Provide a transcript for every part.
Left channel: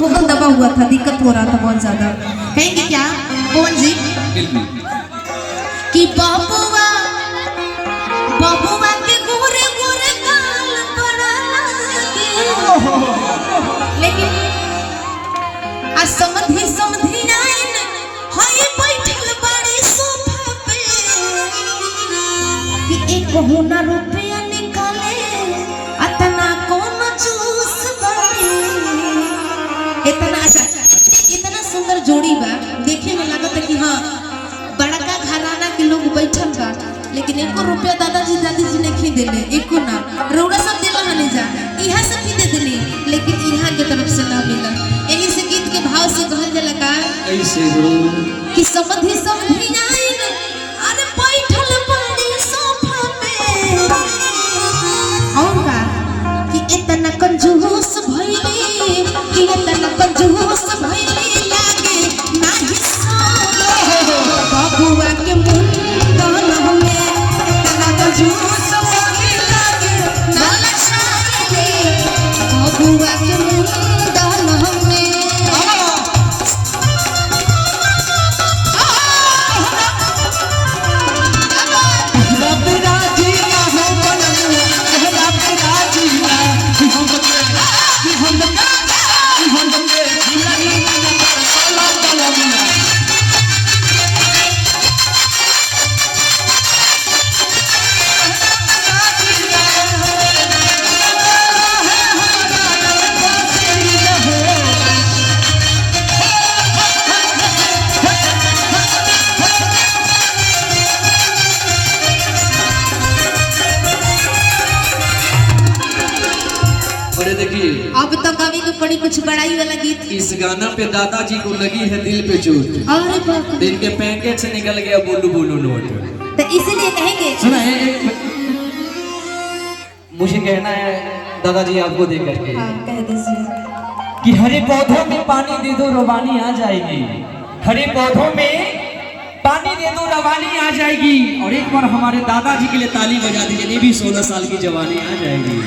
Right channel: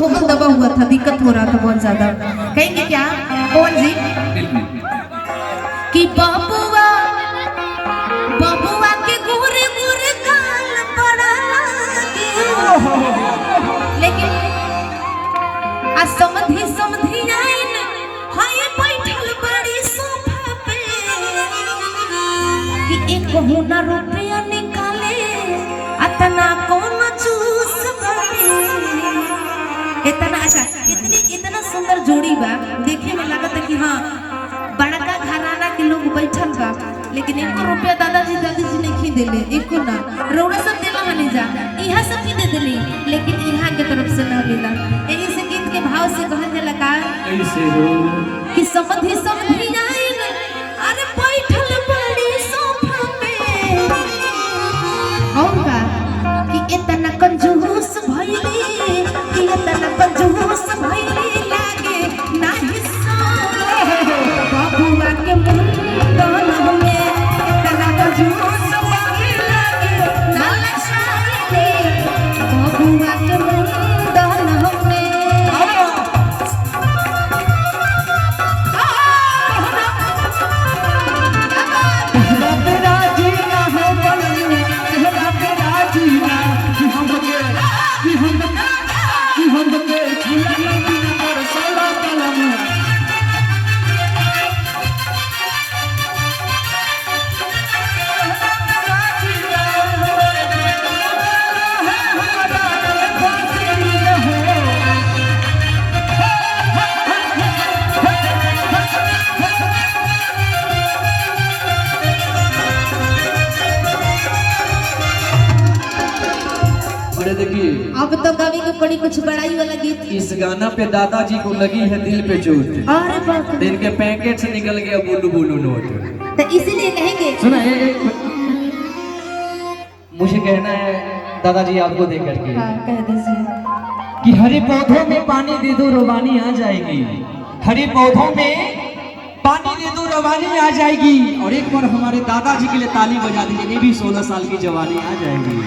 तो दबा हुआ था, दिक्कत हो रहा था बहुत ज्यादा। कहेंगे क्या पवन जी कि बाबुआ बाबुआ के गोरे गोरे गाल पड़ा लेकिन आ समधी समधी आइन हाय बैठल बड़ी सोफा पे कि एक महीना रुपया निकाले अतना कौन चूस बने इतना अच्छा इतना सुंदर जोड़ी बा। देखे में लगता है कि हाँ बड़का घराना के लोग बैठल बा, लेकिन एको रुपया दादाजी दादीजी ने खी देले, एको ना रौरा सब देला हने जा इहा सब खी दे देली, लेकिन इहा के तरफ से ना मिला। एही से गीत के भाव से कहल जाला का ऐसे हो कि समधी समधी आइन अरे बैठल बड़ी सोफा पे और का कि इतना कंजूस भइली कि इतना कंजूस भइली लागे ना हिस्सा बाबुआ के मुंडन में इतना कंजूस भइली लागे ना शायरे बाबुआ के मुंडन में। देखिए अब तो गावे के पड़ी कुछ बड़ाई वाला गीत। इस गाना पे दादाजी को लगी है दिल पे चोट, अरे बाप रे, इनके पैकेट से निकल गया बोलू बोलू नोट। तो इसीलिए कहेंगे सुना है मुझे कहना है दादाजी आपको देख करके हाँ कह दीजिए कि हरे पौधों में पानी दे दो रवानी आ जाएगी, हरे पौधों में पानी दे दो रवानी आ जाएगी। और एक बार हमारे दादाजी के लिए ताली बजा दीजिए, भी 16 साल की जवानी आ जाएगी।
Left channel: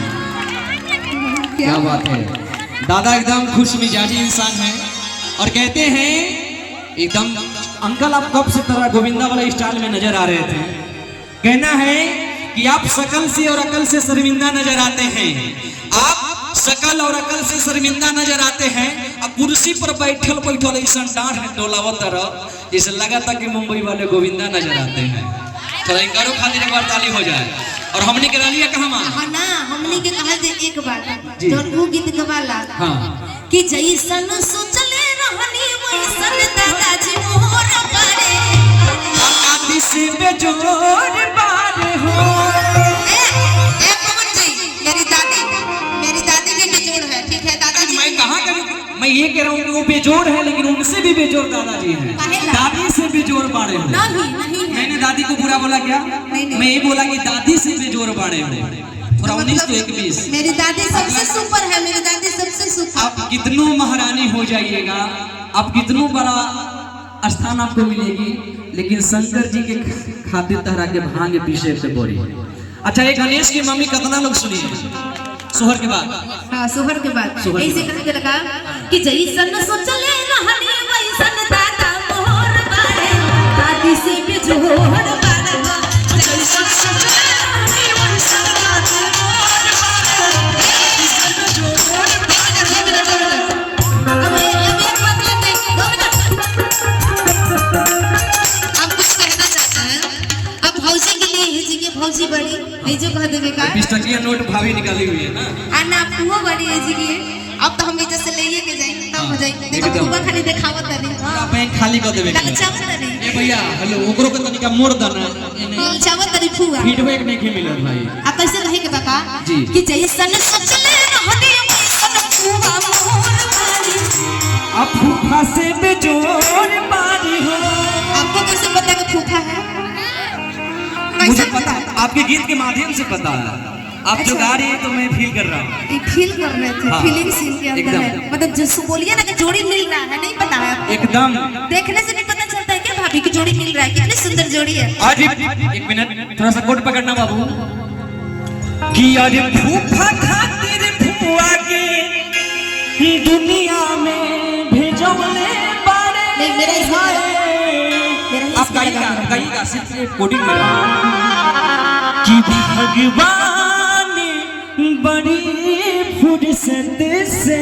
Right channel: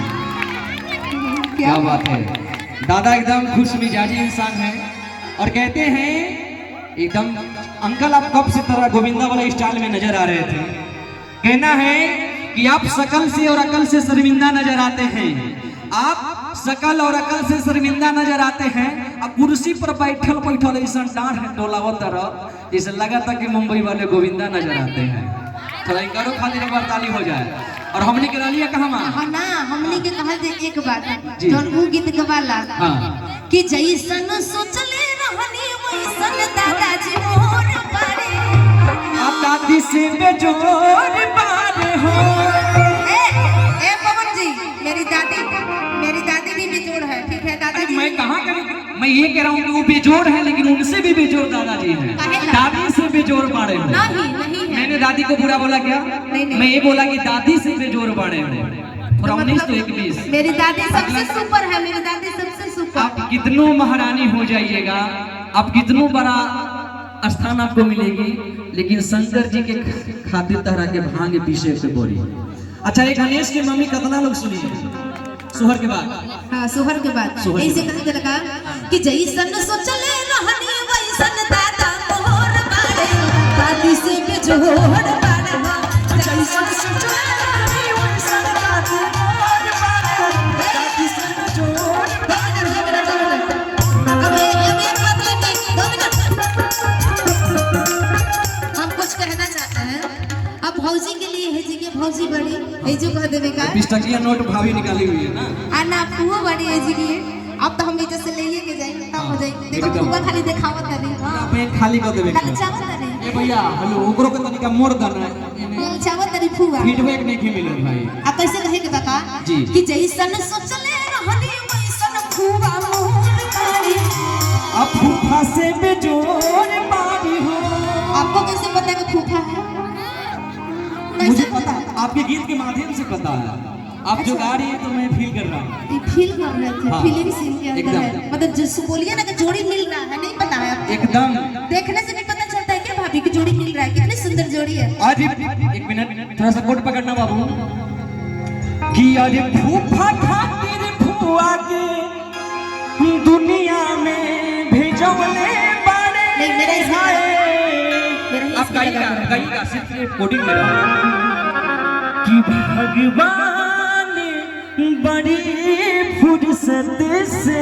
क्या बात है, दादा एकदम खुश मिजाजी इंसान है और कहते हैं एकदम अंकल आप कब से तरह गोविंदा वाला स्टाइल में नजर आ रहे थे। कहना है कि आप शकल से और अकल से शर्मिंदा नजर आते हैं, आप शकल और अकल से शर्मिंदा नजर आते हैं। अब कुर्सी पर बैठल बैठल ऐसा डांट है डोलावत तरह जैसे लगा था कि मुंबई वाले गोविंदा नजर आते हैं। थोड़ा इनकारो खातिर एक बार ताली हो जाए। और हमने के लिए कहवा हाँ ना हमने के कहा जे एक बात जोन वो गीत गवाला हाँ कि जैसन सोचले रहनी वैसन दादाजी मोर पारे दादी से बेजोर पार हो। ए पवन जी मेरी दादी भी बेजोड़ है, ठीक है दादाजी। मैं कहाँ करूँ, मैं ये कह रहा हूँ कि वो बेजोड़ है लेकिन उनसे भी बेजोड़ दादाजी हैं, दादी से बेजोड़ पारे हो। नहीं है, मैंने दादी को बुरा बोला क्या? नहीं। मैं ये बोला कि दादी से बेजोड़ पारे हो। थोड़ा 19 तो 21 मेरी दादी सबसे सुपर है, मेरी दादी सबसे सुपर। आप कितनों महारानी हो जाइएगा, आप कितनों बड़ा स्थान आपको मिलेगी, लेकिन शंकर जी के खातिर तरह के भांग पीछे से बोरी। अच्छा ये गणेश की मम्मी कितना लोग सुनिए सोहर के बाद। हाँ सोहर के बाद ऐसे कहने लगा कि जैसन सोचले रहनी वैसन दादा मोर पारे दादी से बेजोड़ पारे जैसन सोचले रहनी वैसन दादी मोर पारे दादी से बेजोड़ पारे। अबे एक बात लेते 2 मिनट हम कुछ कहना चाहते हैं। अब भौजी के लिए है जी के भौजी बड़ी है जो कह देवे का 20 टकिया नोट भाभी निकाली हुई है ना। आना पुआ बड़ी है जी के। अब तो हम इधर से लेके के जाएंगे तब हो जाएगी। देखो पुआ खाली दिखावत नहीं पूरा बैंक खाली कर देवे के। चावत नहीं ए भैया हेलो ओकरो के तनिका मोड़ देना एने चावत नहीं पुआ फीडबैक नहीं के मिलत भाई। अब कैसे रहे के बता जी कि जैसन सोचले रहनी वैसन पुआ मोर पारी अब फूफा से बेजोड़ पारी हो। आपको कैसे पता कि फूफा है? मुझे पता है, आपके गीत के माध्यम से पता है। आप जो गा रही है तो मैं फील कर रहा हूँ। फील कर रहे थे, हाँ, फीलिंग सीन के अंदर है। मतलब जिसको बोलिए ना कि जोड़ी मिल रहा है, नहीं पता है एकदम देखने से नहीं पता चलता है क्या भाभी की जोड़ी मिल रहा है, कितनी सुंदर जोड़ी है। आज एक मिनट थोड़ा सा कोट पकड़ना बाबू कि आज फूफा खातिर फुआ के दुनिया में आप गाइएगा सिर्फ कोडिंग में कि भगवान बड़ी फुर्सत से